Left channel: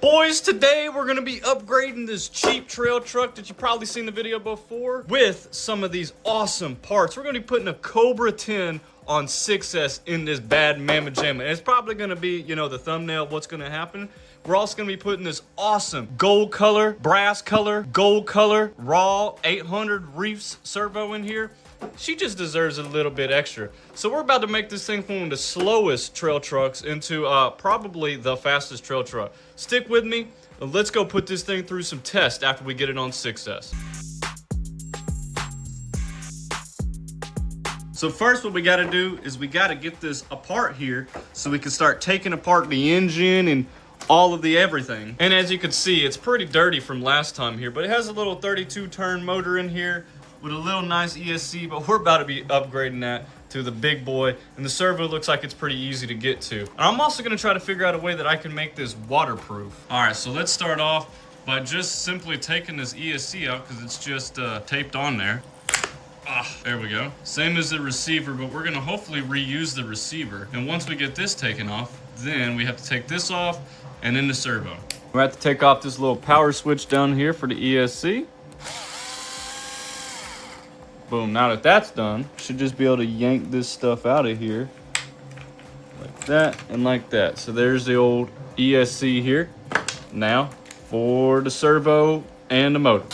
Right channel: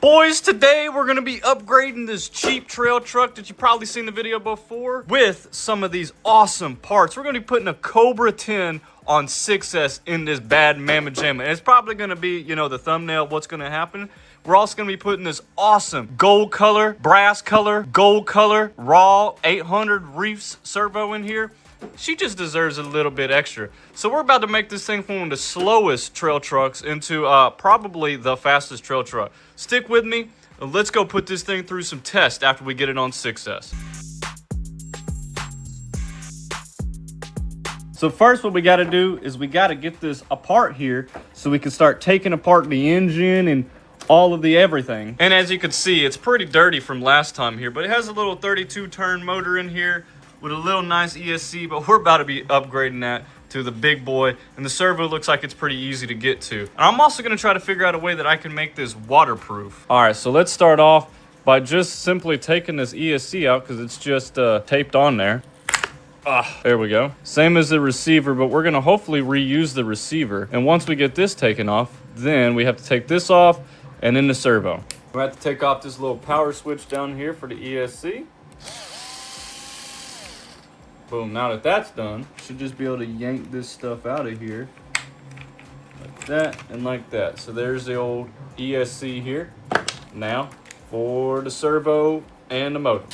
Boys, today we're gonna be upgrading this cheap trail truck that you've probably seen the video before with some of these awesome parts. We're gonna be putting a Cobra 10 on 6S in this bad mamma jamma. And it's probably gonna be, you know, the thumbnail of what's gonna happen. We're also gonna be putting this awesome gold color, brass color, gold color, raw 800 Reefs servo in here. She just deserves a little bit extra. So we're about to make this thing from one of the slowest trail trucks into probably the fastest trail truck. Stick with me, and let's go put this thing through some tests after we get it on 6S. So first what we gotta do is we gotta get this apart here so we can start taking apart the engine and all of the everything. And as you can see, it's pretty dirty from last time here, but it has a little 32 turn motor in here with a little nice ESC, but we're about to be upgrading that to the big boy, and the servo looks like it's pretty easy to get to. And I'm also gonna try to figure out a way that I can make this waterproof. All right, so let's start off by just simply taking this ESC out because it's just taped on there. There we go. Same as the receiver, but we're gonna hopefully reuse the receiver. And once we get this taken off, then we have to take this off and then the servo. I'm gonna have to take off this little power switch down here for the ESC. Boom, now that that's done, should just be able to yank this stuff out of here. Like that and like that. So there's the old ESC here. Now for the servo and the motor.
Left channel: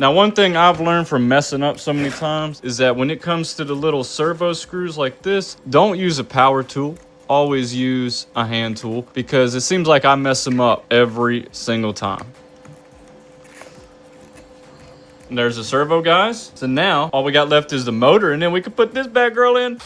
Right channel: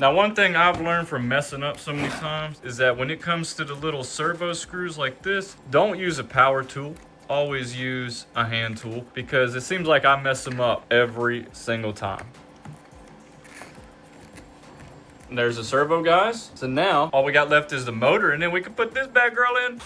Now one thing I've learned from messing up so many times is that when it comes to the little servo screws like this, don't use a power tool. Always use a hand tool because it seems like I mess them up every single time. There's the servo, guys. So now all we got left is the motor, and then we can put this bad girl in.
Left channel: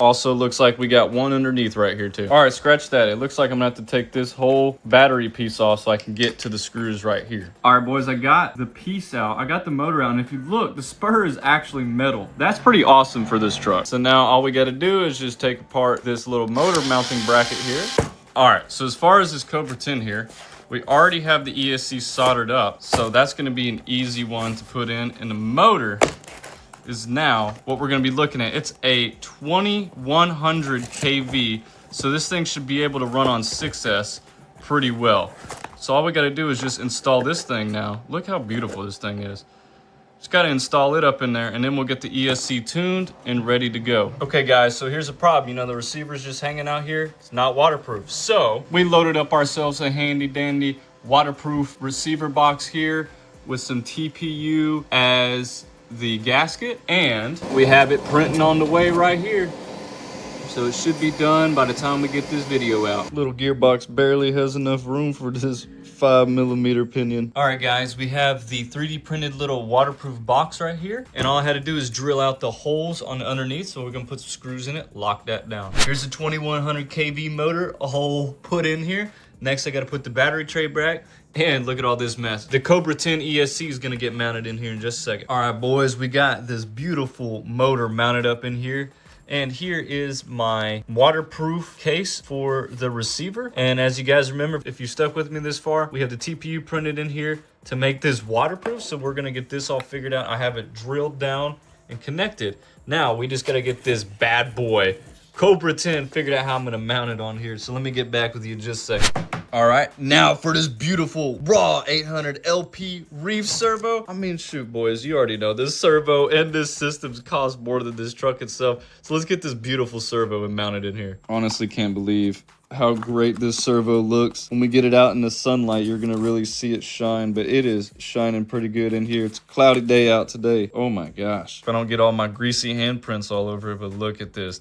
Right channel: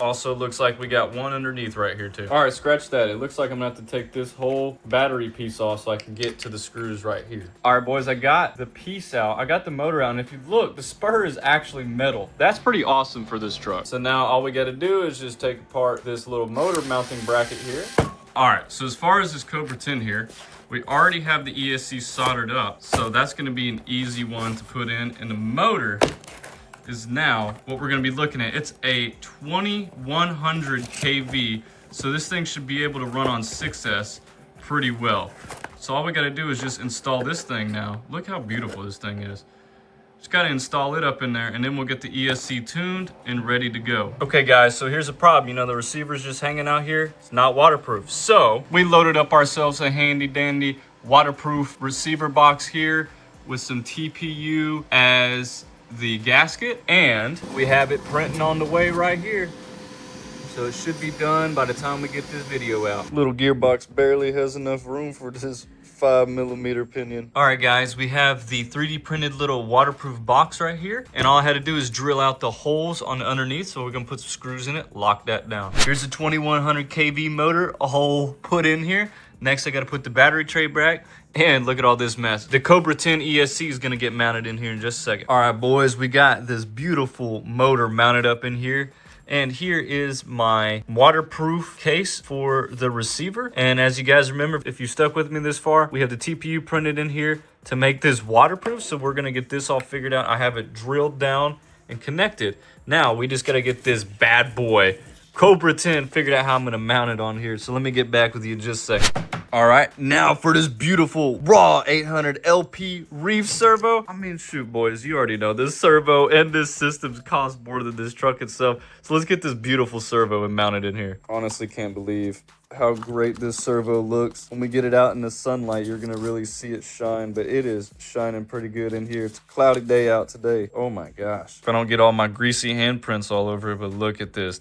Also looks like we got one underneath right here too. All right, scratch that. It looks like I'm gonna have to take this whole battery piece off so I can get to the screws right here. All right, boys, I got the piece out. I got the motor out, and if you look, the spur is actually metal. That's pretty awesome for this truck. So now all we gotta do is just take apart this little motor mounting bracket here. All right, so as far as this Cobra 10 here, we already have the ESC soldered up, so that's gonna be an easy one to put in. And the motor is now what we're gonna be looking at. It's a 2100 kV, so this thing should be able to run on 6S pretty well. So all we gotta do is just install this thing now. Look how beautiful this thing is. Just gotta install it up in there, and then we'll get the ESC tuned and ready to go. Okay guys, so here's a problem. You know, the receiver's just hanging out here. It's not waterproof. So we loaded up ourselves a handy dandy waterproof receiver box here with some TPU as the gasket, and we have it printing on the way right here. So it should be done by the time we get this video out. Little gearbox barely has enough room for this 5mm pinion. All right guys, we have the 3D printed little waterproof box right here, and all I had to do is drill out the holes on the underneath. So we're gonna put some screws in it, lock that down. Here's the 2100 kV motor, a hole put in here. Next I gotta put the battery tray back. And look at all this mess. The Cobra 10 ESC is gonna get mounted in here in just a second. All right, boys, we got this beautiful motor mounted up in here. And here is my waterproof case for the receiver. And as you guys remember, if you stuck with me this far, we have the TPU printed in here to make this waterproof. So we're gonna get this all figured out. I have it drilled down and connected. Now we just gotta get this bad boy Cobra 10 figured out how I'm gonna mount it on here. So let me get back with you in just a second. All right, now for this beautiful raw 800 LP Reef servo. I mean, shoot, boys, you already know this servo and this system cost more than this truck itself. So let's get this beautiful servo and mount it in here. Honestly, can't believe how great this servo looks. When we get it out in the sunlight, you're gonna really see it shine, but it is shining pretty good in here. It's a cloudy day out today. Oh my gosh. If I don't get all my greasy handprints all over it, but look at this.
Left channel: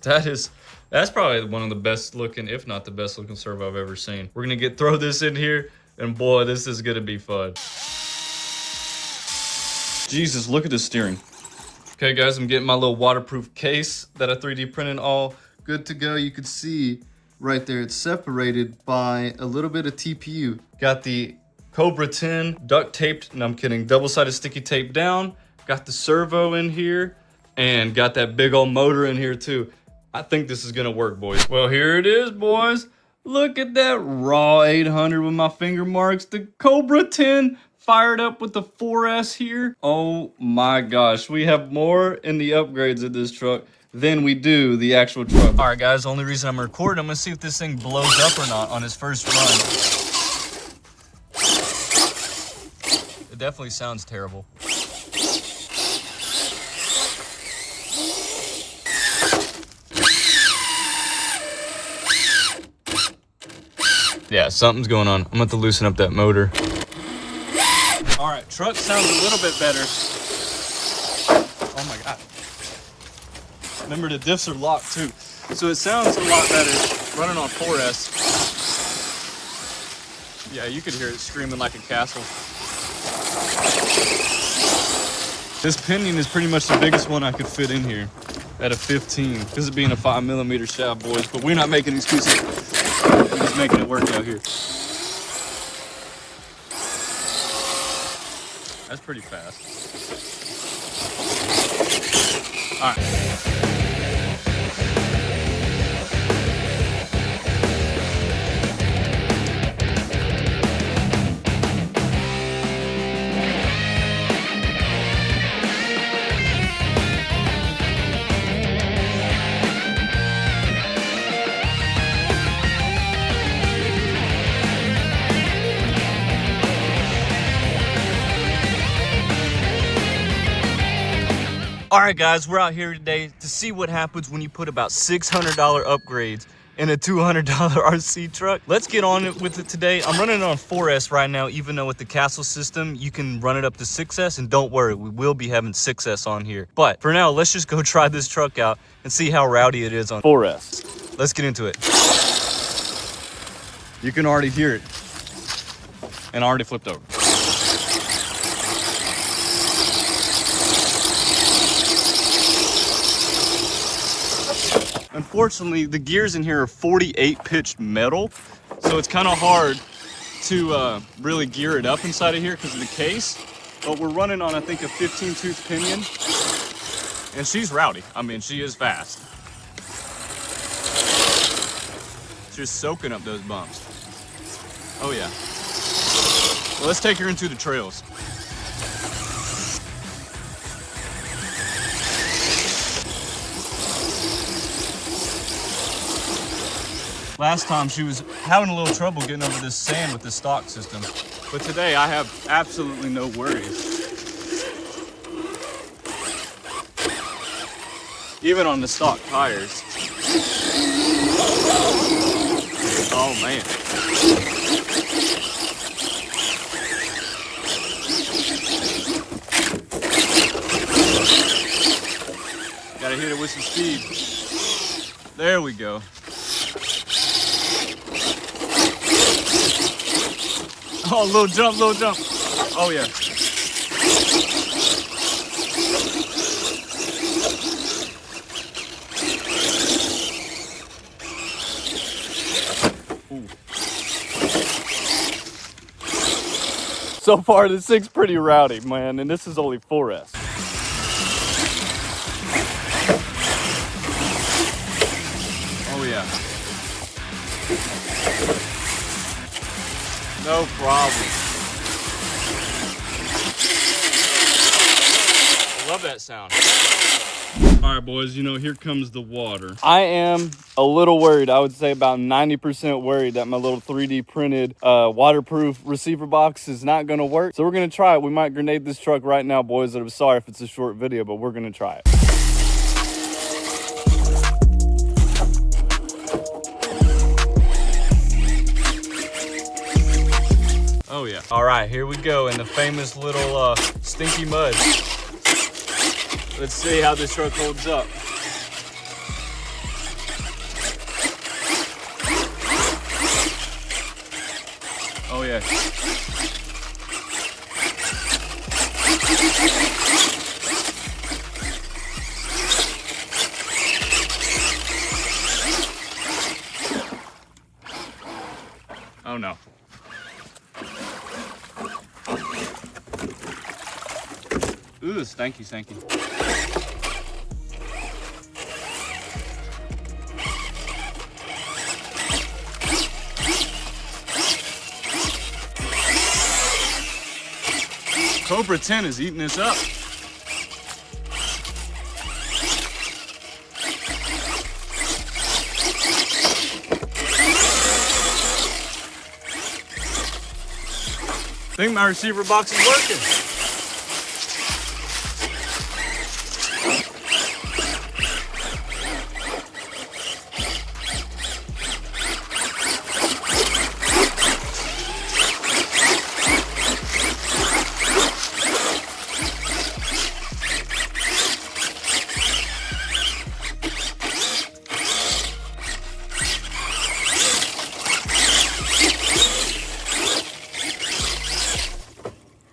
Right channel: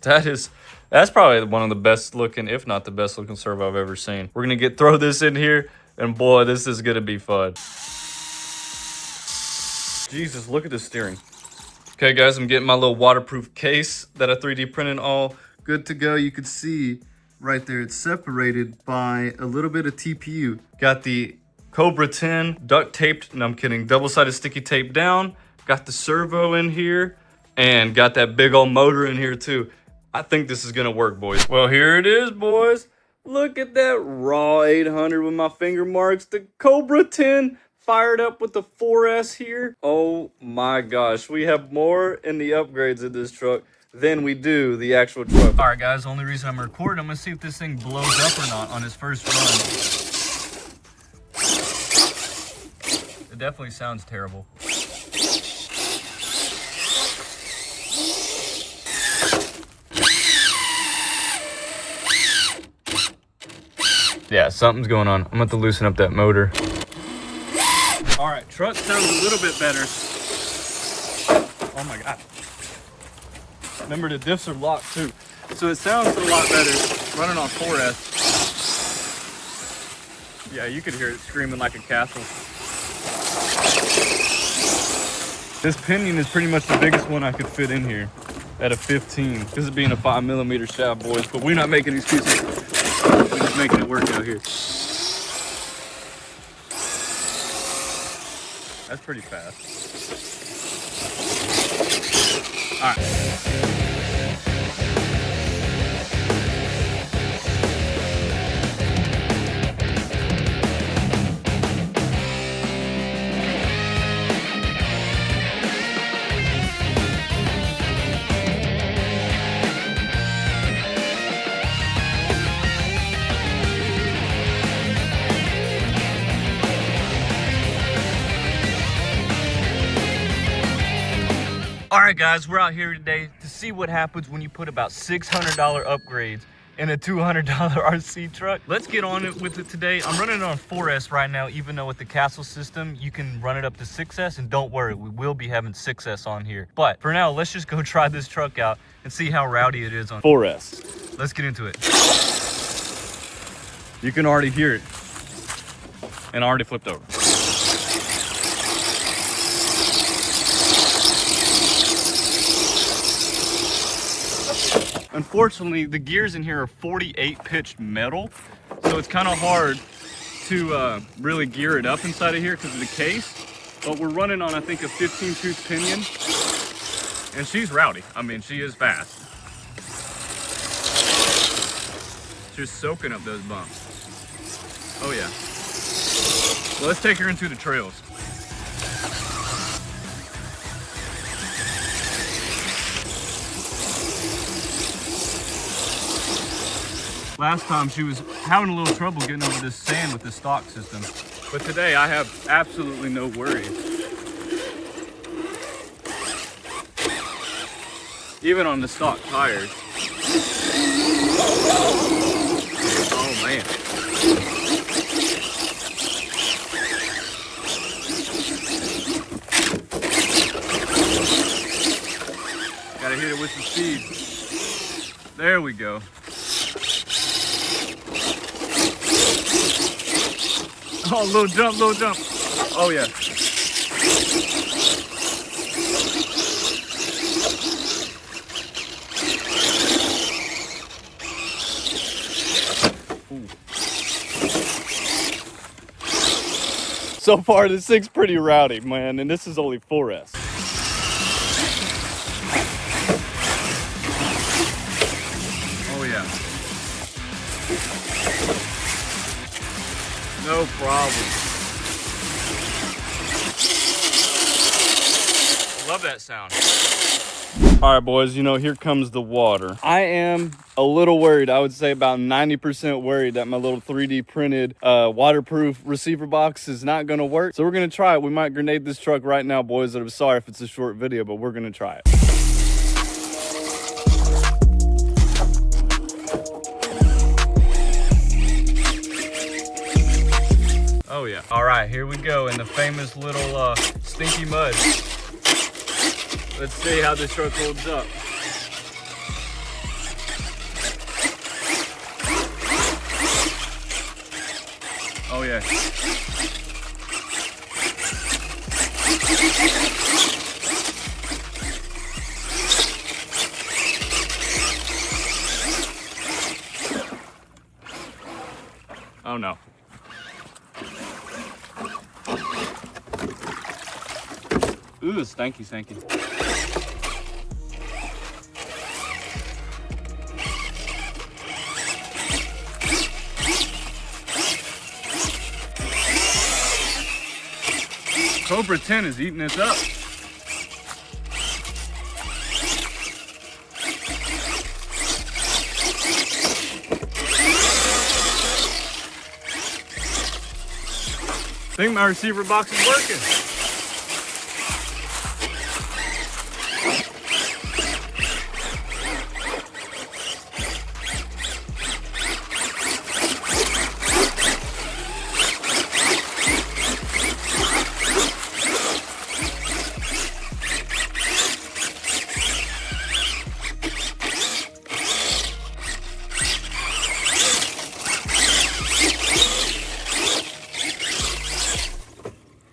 That's probably one of the best looking, if not the best looking servo I've ever seen. We're gonna throw this in here, and boy, this is gonna be fun. Jesus, look at the steering. Okay guys, I'm getting my little waterproof case that I 3D printed all good to go. You can see right there, it's separated by a little bit of TPU. Got the Cobra 10 duct taped, no I'm kidding, double-sided sticky tape down. Got the servo in here, and got that big old motor in here too. I think this is gonna work, boys. Well, here it is, boys. Look at that raw 800 with my finger marks. The Cobra 10 fired up with the 4S here. Oh my gosh, we have more in the upgrades of this truck than we do the actual truck. All right, guys, the only reason I'm recording, I'm gonna see if this thing blows up or not on his first run. It definitely sounds terrible. Yeah, something's going on. I'm gonna have to loosen up that motor. All right, truck sounds a little bit better. Oh my God. Remember, the diffs are locked too. So it sounds a lot better running on 4S. Yeah, you could hear it screaming like a castle. This pinion is pretty much the biggest one I could fit in here at a 15. This is being a 5mm shaft, boys, but we're not making excuses. We're just making it work out here. That's pretty fast. All right. All right, guys, we're out here today to see what happens when you put about $600 upgrades in a $200 RC truck. Let's get on it with it today. I'm running on a 4S right now, even though with the Castle system, you can run it up to 6S, and don't worry, we will be having 6S on here. But for now, let's just go try this truck out and see how rowdy it is on 4S. Let's get into it. You can already hear it, and I already flipped over. Unfortunately, the gears in here are 48 pitched metal, so it's kind of hard to really gear it up inside of here because of the case. But we're running on, I think, a 15-tooth pinion, and she's rowdy. I mean, she is fast. She's soaking up those bumps. Oh yeah. Well, let's take her into the trails. Last time she was having a little trouble getting over this sand with the stock system. But today I have absolutely no worries. Even on the stock tires. Oh man. Gotta hit it with some speed. There we go. Oh, little jump, little jump. Oh, yeah. Ooh. So far, this thing's pretty rowdy, man, and this is only 4S. Oh, yeah. No problem. I love that sound. All right, boys, you know, here comes the water. I am a little worried. I would say about 90% worried that my little 3D printed waterproof receiver box is not gonna work. So we're gonna try it. We might grenade this truck right now, boys. I'm sorry if it's a short video, but we're gonna try it. Oh yeah. All right, here we go in the famous little stinky mud. Let's see how this truck holds up. Oh yeah. Oh no. Ooh, stanky, stanky. Cobra 10 is eating this up. I think my receiver box is working.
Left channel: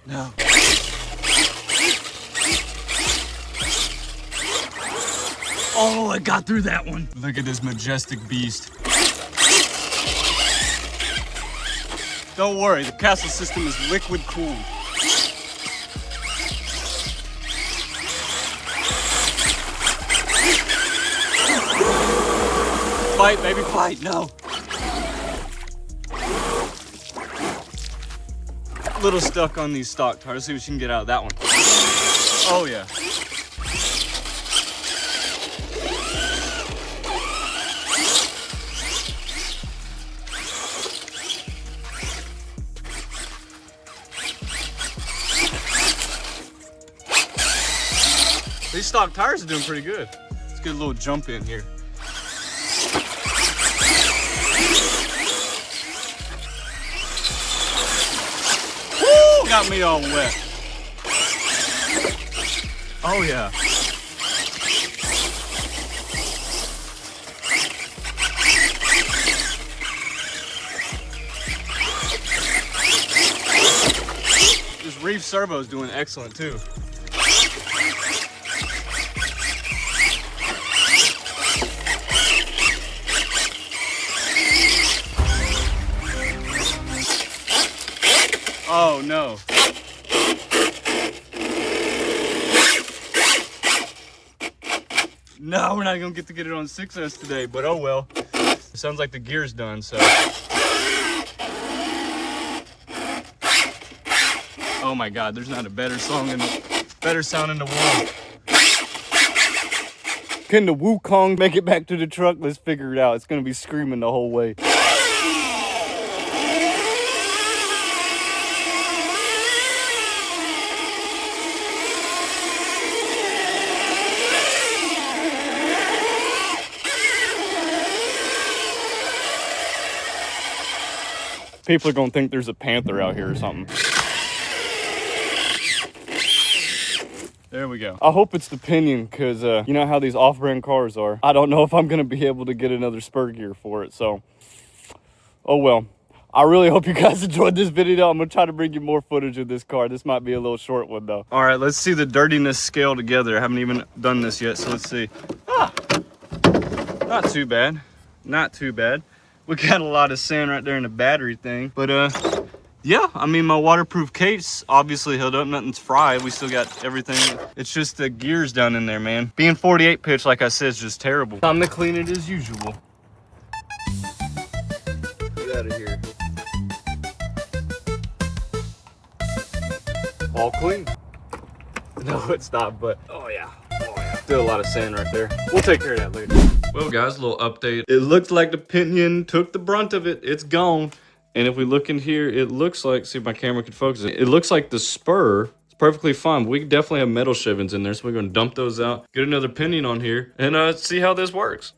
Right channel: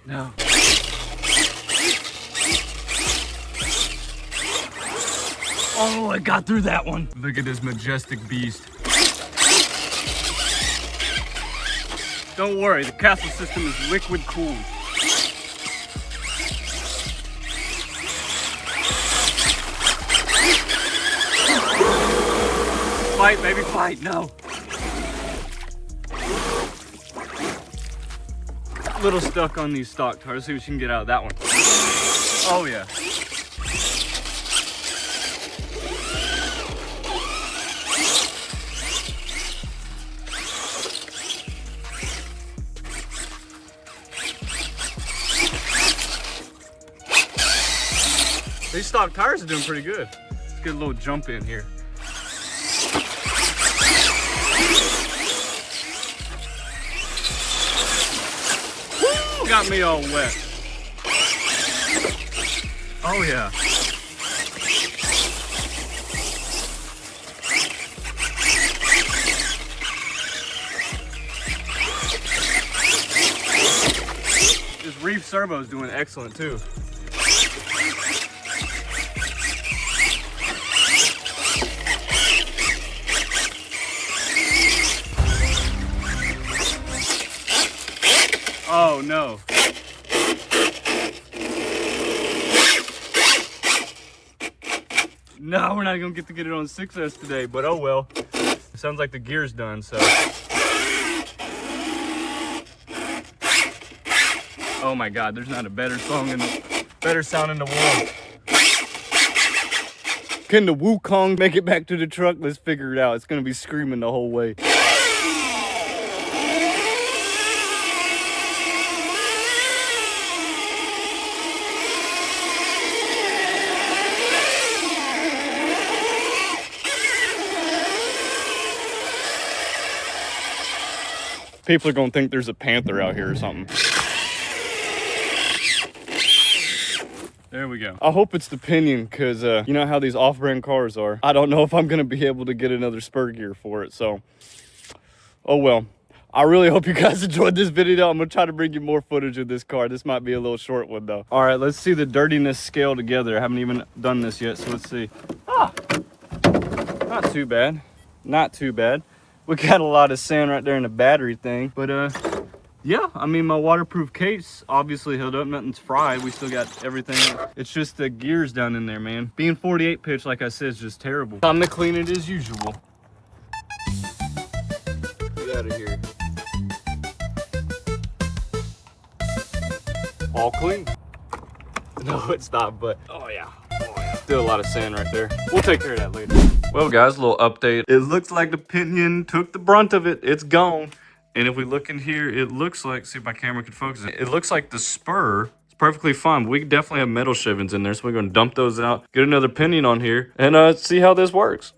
No. Oh, I got through that one. Look at this majestic beast. Don't worry, the Castle system is liquid cooled. Fight, baby, fight. No. Little stuck on these stock tires. Let's see what you can get out of that one. Oh yeah. These stock tires are doing pretty good. Let's get a little jump in here. Got me all wet. Oh yeah. This reef servo is doing excellent too. Oh no. No, we're not gonna get to get it on 6S today, but oh well. It sounds like the gear's done, so. Oh my God, there's not a better sound in the world. Can the Wukong make it back to the truck? Let's figure it out. It's gonna be screaming the whole way. People are gonna think there's a panther out here or something. There we go. I hope it's the pinion, because you know how these off-brand cars are. I don't know if I'm gonna be able to get another spur gear for it, so. Oh well. I really hope you guys enjoyed this video. I'm gonna try to bring you more footage of this car. This might be a little short one though. All right, let's see the dirtiness scale together. I haven't even done this yet, so let's see. Ah, not too bad. Not too bad. We got a lot of sand right there in the battery thing, but yeah, I mean, my waterproof case obviously held up. Nothing's fried. We still got everything. It's just the gears down in there, man. Being 48 pitch, like I said, is just terrible. Time to clean it as usual. Get out of here. All clean. No, it's not, but oh yeah. Still a lot of sand right there. We'll take care of that later. Well guys, a little update. It looks like the pinion took the brunt of it. It's gone. And if we look in here, it looks like, see if my camera can focus it. It looks like the spur is perfectly fine. We definitely have metal shivens in there, so we're gonna dump those out, get another pinion on here, and see how this works.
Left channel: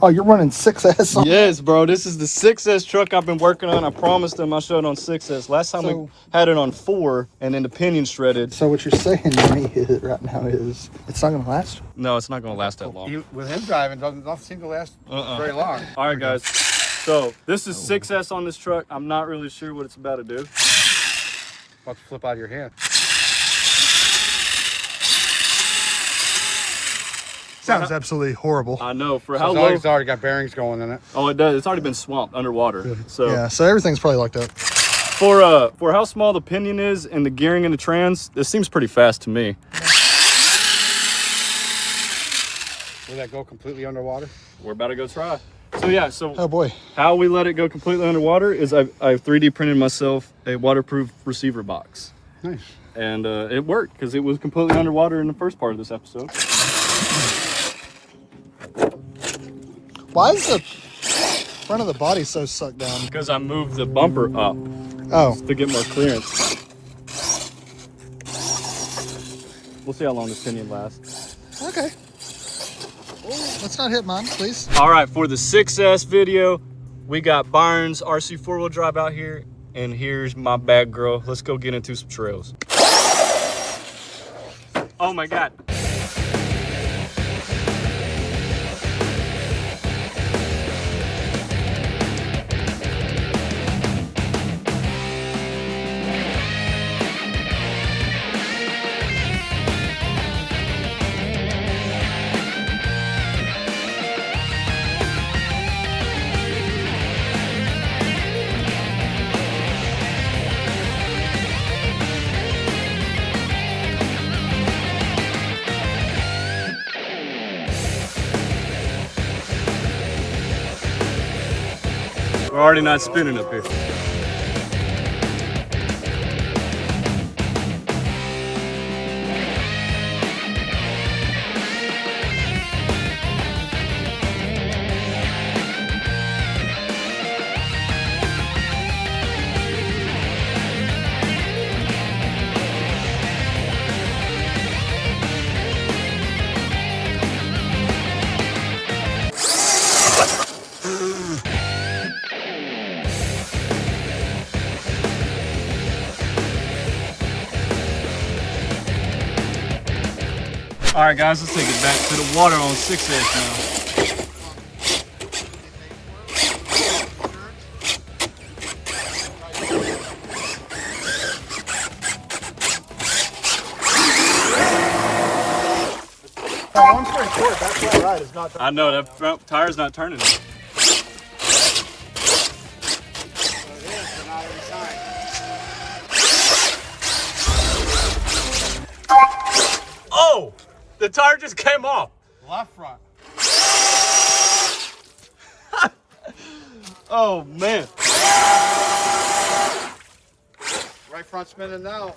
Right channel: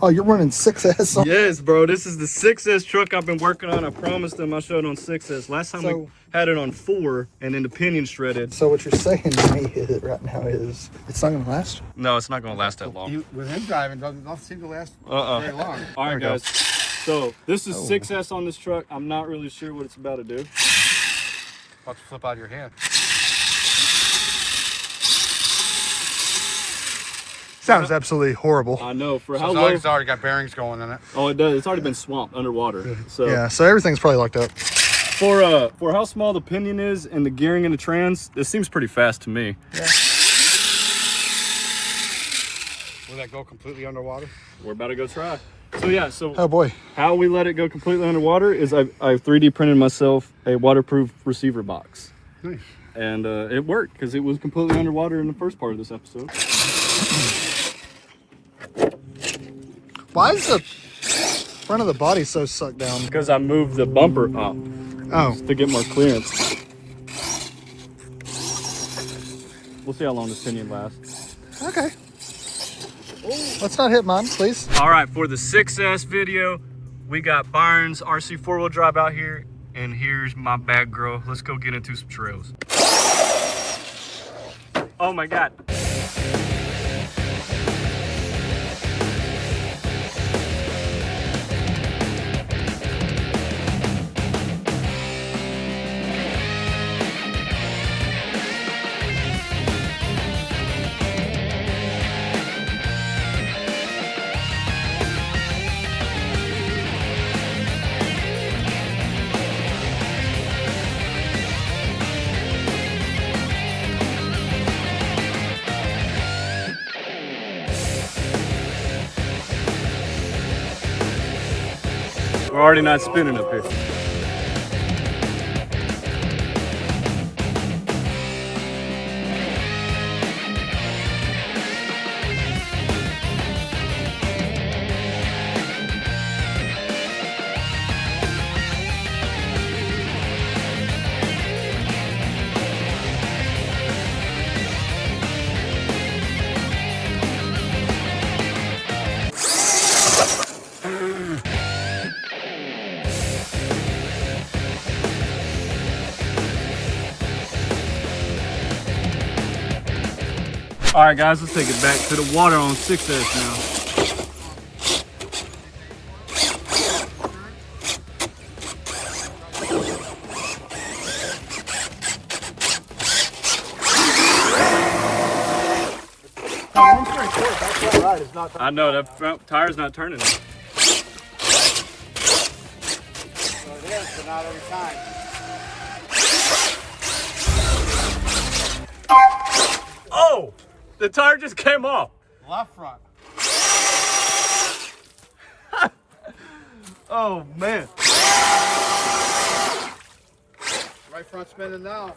Oh, you're running 6S? Yes, bro. This is the 6S truck I've been working on. I promised them I showed it on 6S. Last time we had it on 4, and then the pinion shredded. So what you're saying to me right now is it's not going to last? No, it's not going to last that long. With him driving, doesn't seem to last very long. All right, guys. So this is 6S on this truck. I'm not really sure what it's about to do. About to flip out of your hand. Sounds absolutely horrible. I know. For how So low? it's already got bearings going in it. Oh, it does. It's already been swamped underwater. So Yeah, so everything's probably locked up. for how small the pinion is and the gearing and the trans, this seems pretty fast to me. Yeah. Will that go completely underwater? We're about to go try. So yeah, so Oh boy. how we let it go completely underwater is I 3D printed myself a waterproof receiver box. Nice. And it worked because it was completely underwater in the first part of this episode. Why is the front of the body so sucked down? Because I moved the bumper up to get more clearance. We'll see how long this pinion lasts. Okay. Let's not hit mine, please. All right, for the 6S video, we got Byron's RC 4-wheel drive out here, and here's my bad girl. Let's go get into some trails. Oh my God. We're already not spinning up here. All right, guys, let's take it back to the water on 6S now. Long story short, that's all right. It's not. I know, that front tire's not turning. Oh! The tire just came off. Left front. Oh, man. Right front spinning now.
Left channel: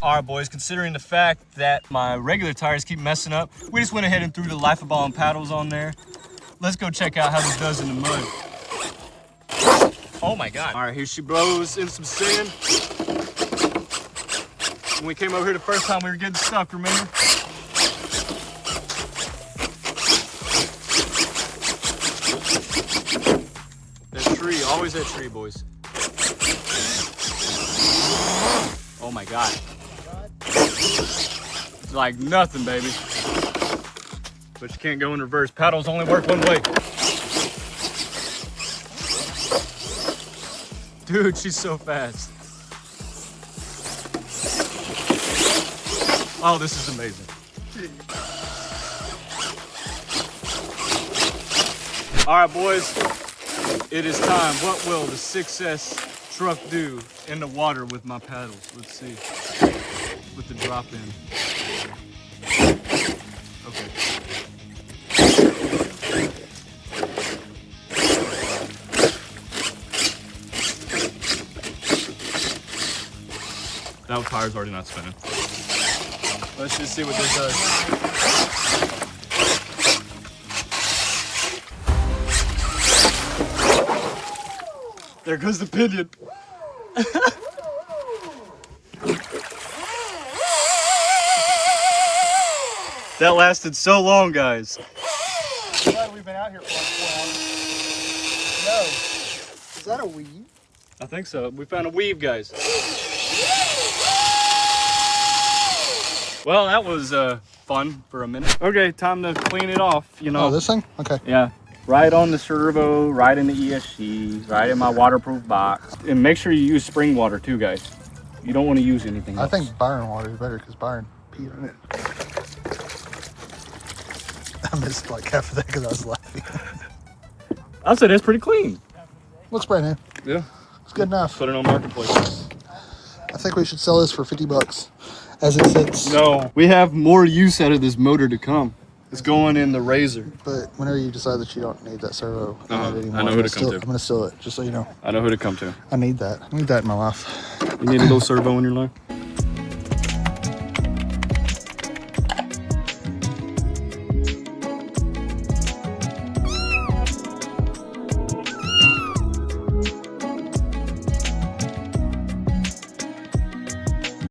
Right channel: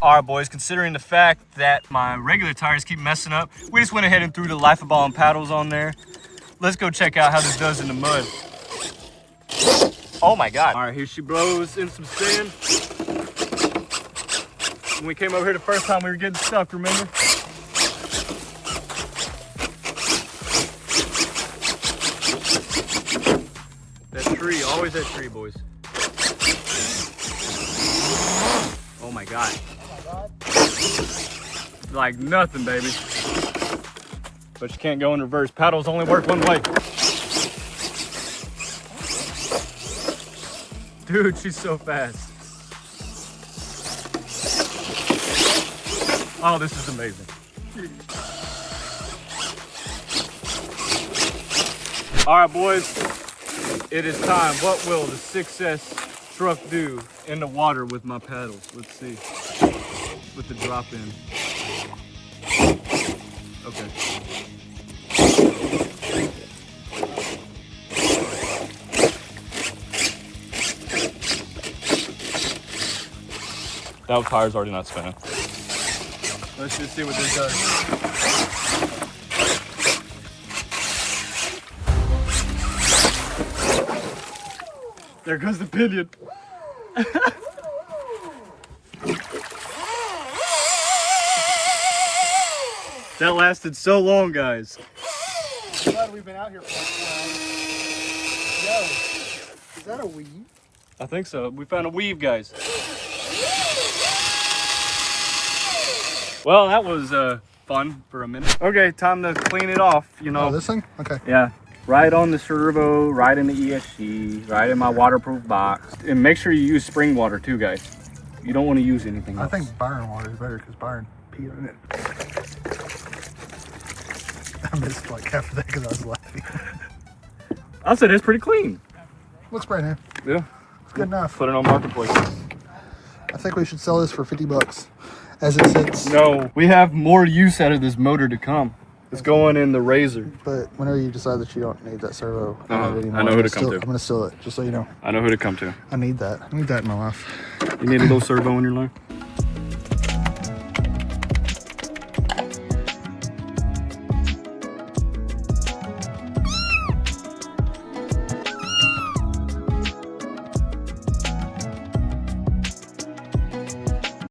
All right, boys, considering the fact that my regular tires keep messing up, we just went ahead and threw the Life of Ballen Paddles on there. Let's go check out how this does in the mud. Oh my God. All right, here she blows in some sand. When we came over here the first time, we were getting stuck, remember? That tree, always that tree, boys. Oh my God. It's like nothing, baby. But you can't go in reverse. Paddles only work one way. Dude, she's so fast. Oh, this is amazing. All right, boys, it is time. What will the 6S truck do in the water with my paddles? Let's see. With the drop in. Okay. That tire's already not spinning. Let's just see what this does. There goes the pinion. That lasted so long, guys. Glad we've been out here for no. Is that a weave? I think so. We found a weave, guys. Well, that was fun for a minute. Okay, time to clean it off, you know. Oh, this thing? Okay. Yeah. Right on the servo, right in the ESC, right in my waterproof box. And make sure you use spring water too, guys. You don't want to use anything else. I think Byron water is better because Byron peed on it. I missed like half of that because I was laughing. I said it's pretty clean. Looks brand new. Yeah. It's good enough. Put it on Marketplace. I think we should sell this for $50 as it sits. No, we have more use out of this motor to come. It's going in the Razor. But whenever you decide that you don't need that servo anymore, I know who to come to. I'm gonna steal it, just so you know. I know who to come to. I need that. I need that in my life. You need a little servo in your life?